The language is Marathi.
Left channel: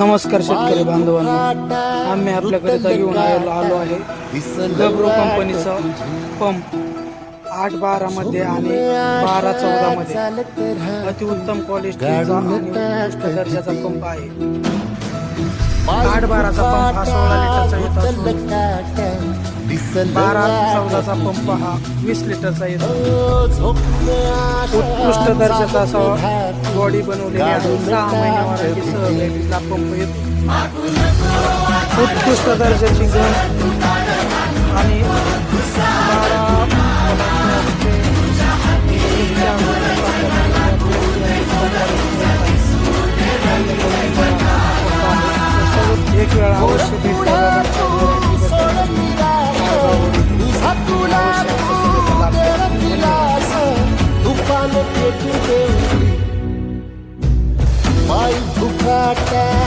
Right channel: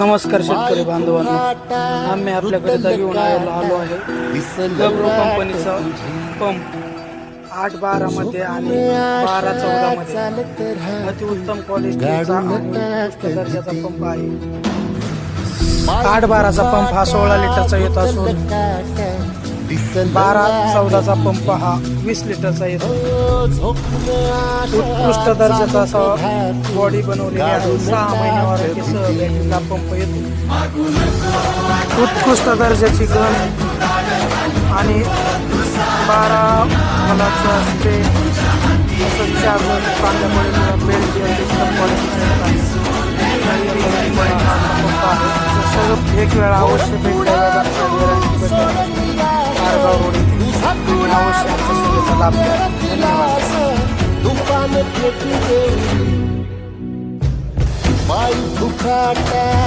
नमस्कार शेतकरी बांधवांनो, आम्ही आपल्याकडे घेऊन आलो आहे गब्रो कंपनीचा पंप 8-12 मध्ये आणि 12-14 मध्ये अतिउत्तम क्वालिटीचा आणि उत्कृष्ट दर्जाचा पंप आहे। 8-12चा पंप हा 16 लिटरचा येत असून 12-14चा पंप हा 20 लिटरचा येतो। उत्कृष्ट दर्जाचा असा बॉडी बनवलेली आहे। 6 महिने वॉरंटीसह बॅटरीला पंप येतो। उत्कृष्ट दर्जाची गन आणि 12 फलाचं असते। एक वेळा आवश्यक तूफान पेटू देऊरी माई भुखाटा।